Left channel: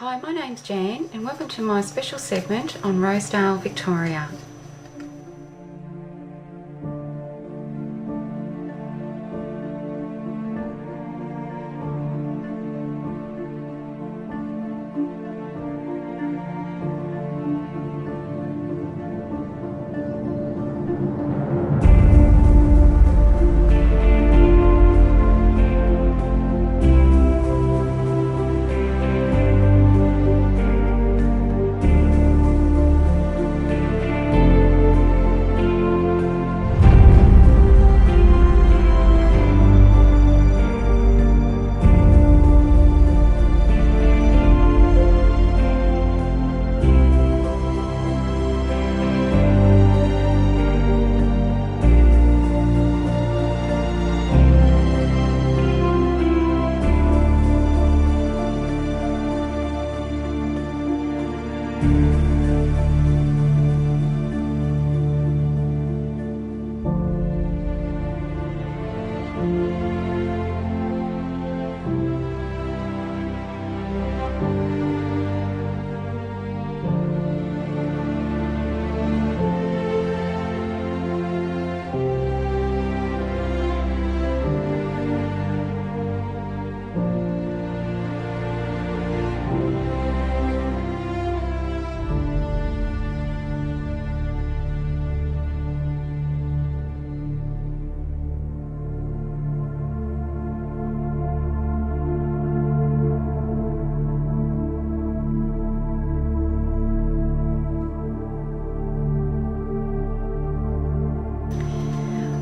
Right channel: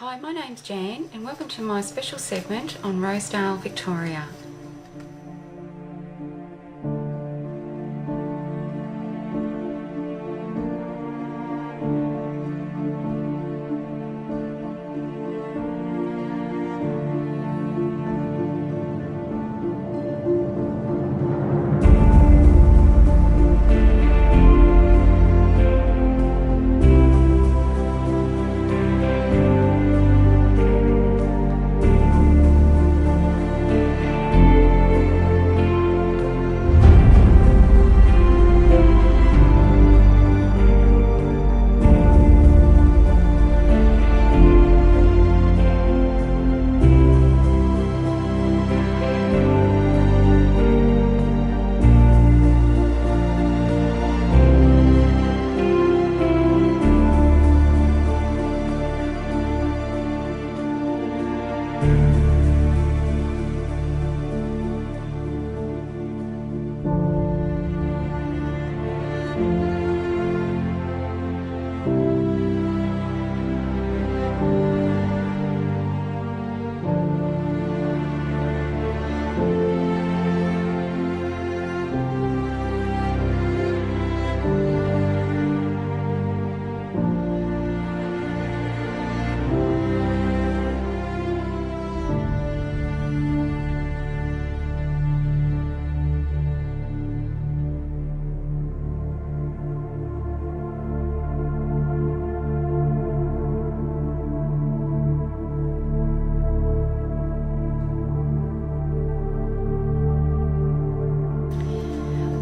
Hi, my name's Jan and welcome to my special segment on Rosedale, Victoria.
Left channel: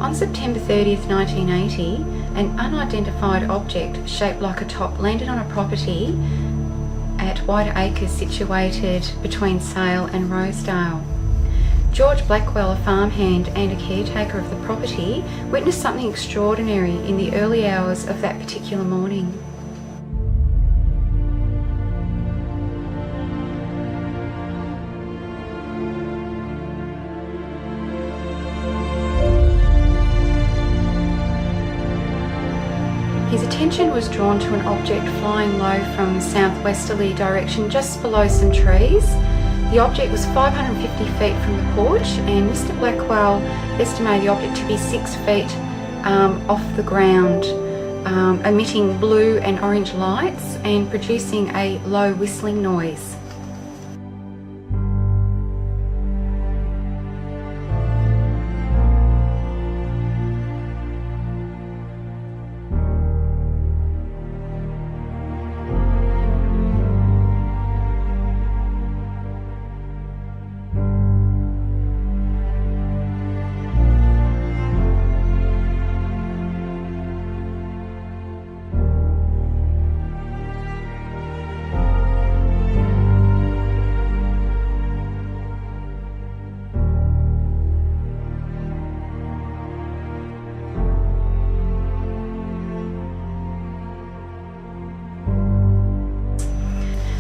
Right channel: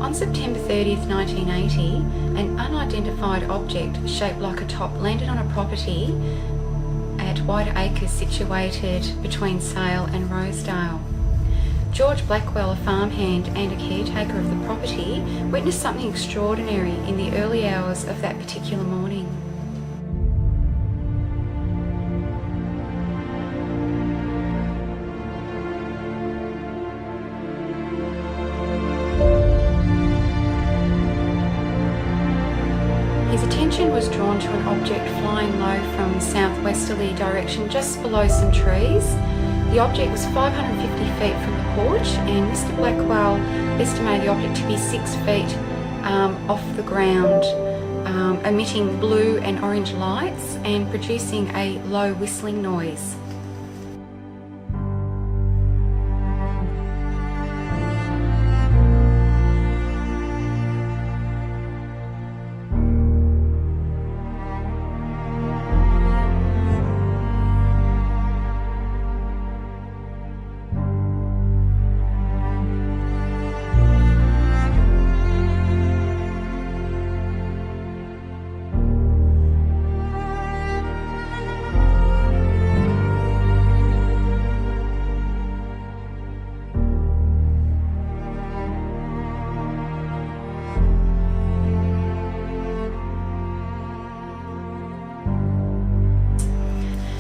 On September 30th, 1980, an unidentified object shaped like a top landed on a property at White Acres situated between Sale and Rosedale. George Blackwell, a farmhand and a caretaker of the property, witnessed something extraordinary in the early hours of that particular morning. His attention was drawn to an object flying low from southwesterly direction just below some trees. The object was 550 feet from the porch, and Mr. Blackwell estimated the object to be 6 feet off the ground, emitting blue and orange lights and producing a low whistling noise.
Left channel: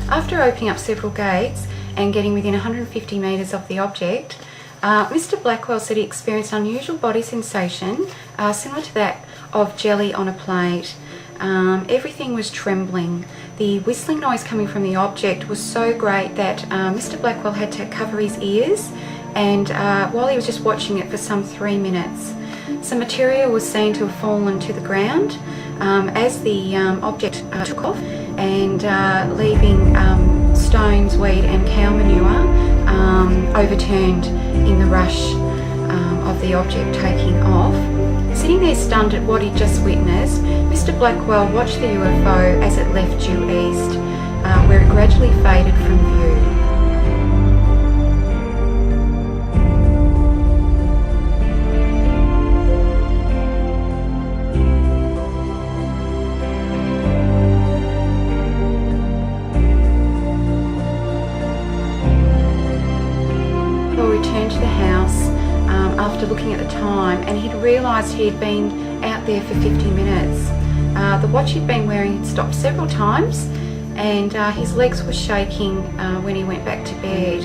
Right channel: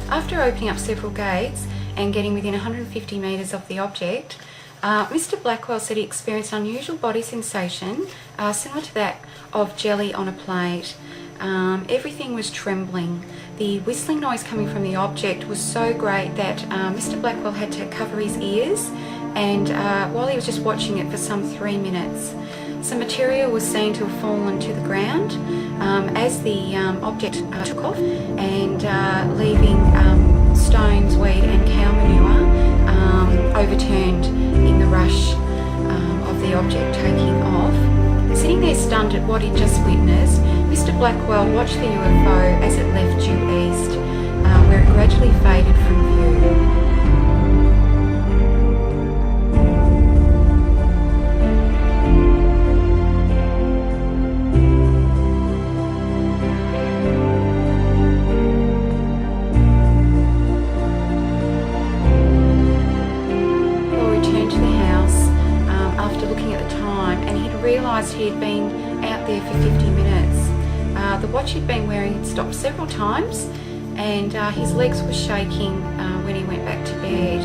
After opening up several gates and getting within 150 metres of the object, Mr. Blackwell said he experienced an unusual body sensation similar to that of jelly on a plate. Everything was trembling. The whistling noise coming from the object was so great that Mr. Blackwell had to cover his ears, and while he was just watching it for some 3 minutes, some material was seen to have fallen to the ground as the object took off, and leaving stones, weed and cow manure overturned in the rush of the object taking off. Sitting there stunned at what he'd just witnessed, Mr. Blackwell watched the UFO as it left due east, where it gradually faded from view. Returned to the house after looking at the time, and he'd realised he had been out there for 50 minutes. The watch he'd been wearing had stopped several times, and his legs were shaking when he went back to bed.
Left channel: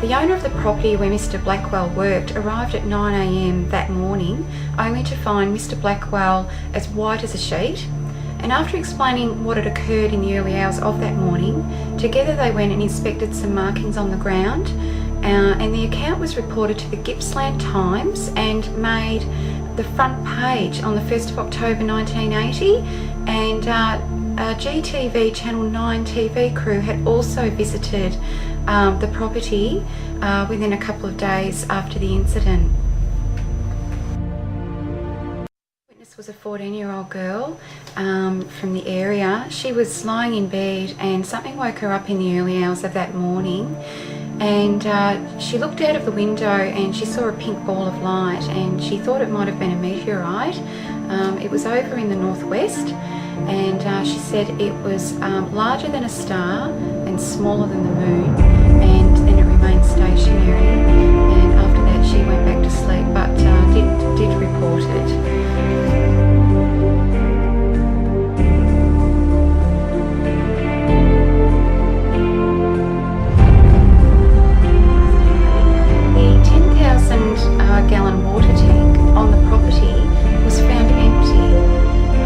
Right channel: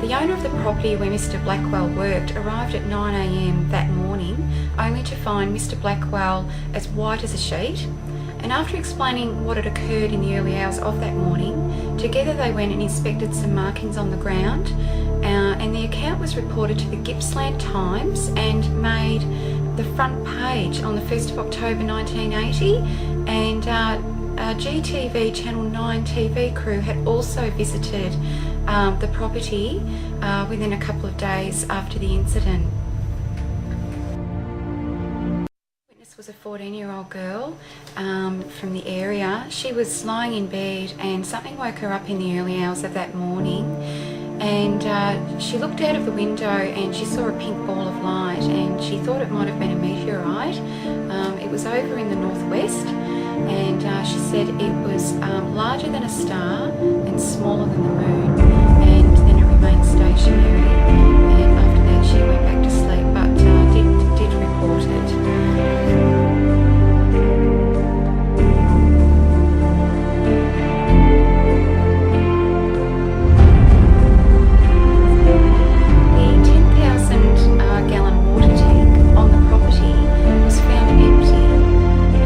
The owner of the property where Mr Blackwell worked arrived at 9 AM that morning, only to find Mr Blackwell as white as a sheet. And after explaining what had occurred in the early hours of that morning, together they went and inspected some markings on the ground, and the account was reported to the Gippsland Times and made the front page on the 1st of October 1980, and GTV Channel 9 TV crew had also visited the property within a couple of days after the incident. Was a 14-year-old girl from the area. She was lying in bed and something woke her up in the early hours of that morning, and she looked out of the window and she saw a pink ball of light, and she thought it might have been a meteorite. It was over in the northwest, and she said it was larger than a star and smaller than the moon, and then it remained stationary, and after that she went back to sleep, but did report it. Gallon water tank on the property was found empty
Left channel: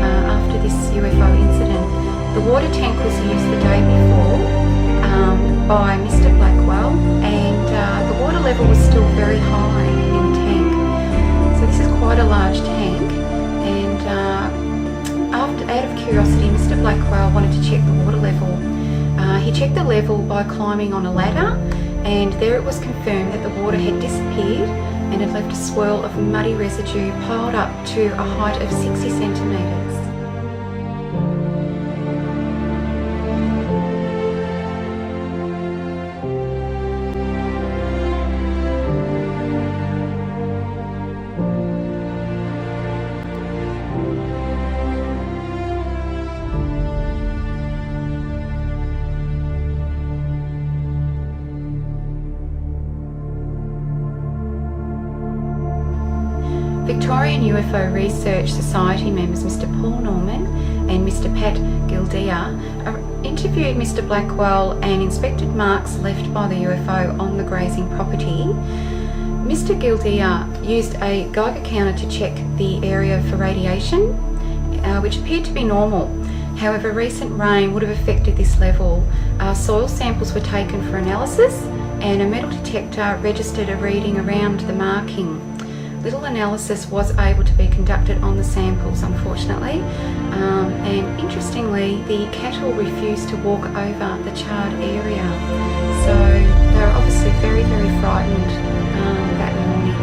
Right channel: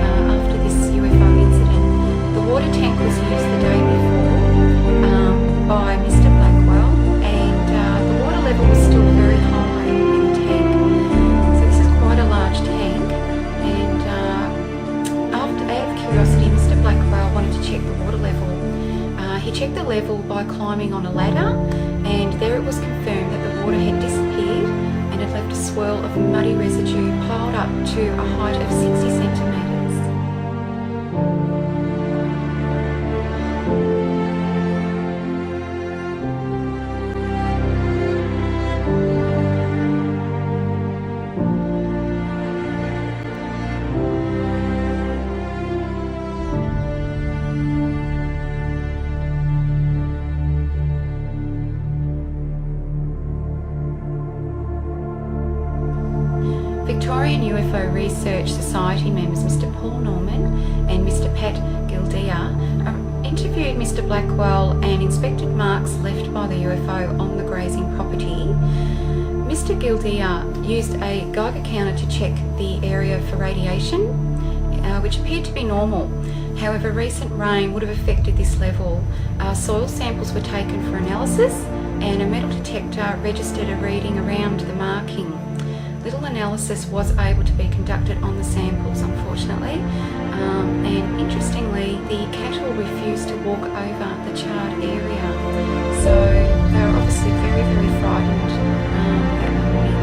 after this UFO incident. The water tank was used the day before by Mr Blackwell, and the water level was still very high in the tank. So this is quite a large tank, and out of curiosity, Mr Blackwell wanted to check the water level. He checked the level by climbing on a ladder, and there it was confirmed that the water had disappeared and had left a swirl of muddy residue piled up to a height of 60 centimetres. Victorian UFO Research Society members Mr Paul Norman and Mr Pat Gildea interviewed Mr Blackwell and inspected marks left by the UFO on the grazing property. Mr Gildea used a Geiger counter to check the area for radiation, which appeared to be normal. However, recent rain would have affected this level. Soil samples were taken for analysis, and a metal detector registered a reading around the marking. Little analysis was able to be conducted on the samples, unfortunately, and interestingly, the cattle refused to walk over the charred area, so they were obviously very, very frightened that morning.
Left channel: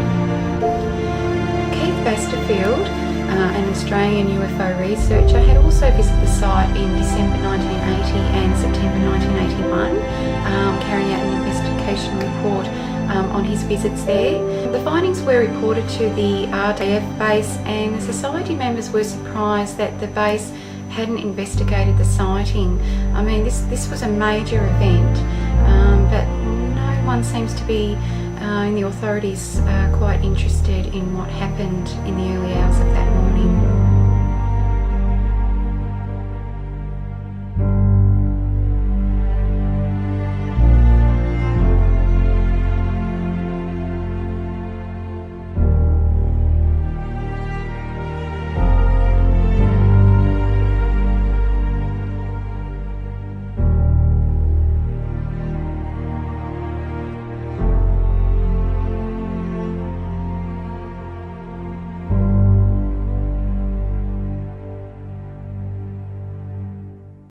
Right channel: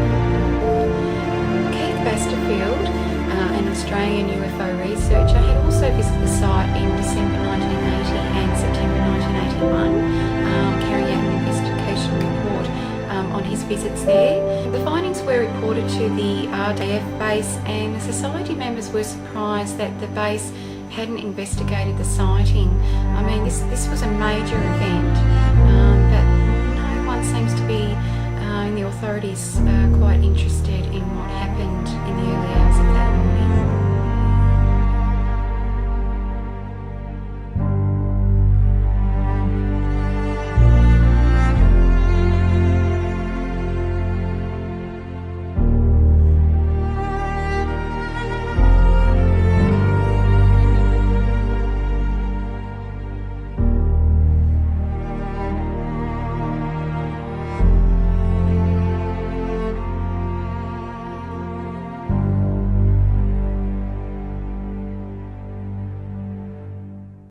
Keith Basterfield, an Australian UFO researcher, had also visited the site in December 1980 and September 1981, carrying out an investigation report on his visits there. The findings were reported to the RDF base, and the society members were surprised that the base hadn't investigated the sighting. I mean, this was a major event, but no one seems to be in the authorities quite interested in what happened in the early hours of that morning.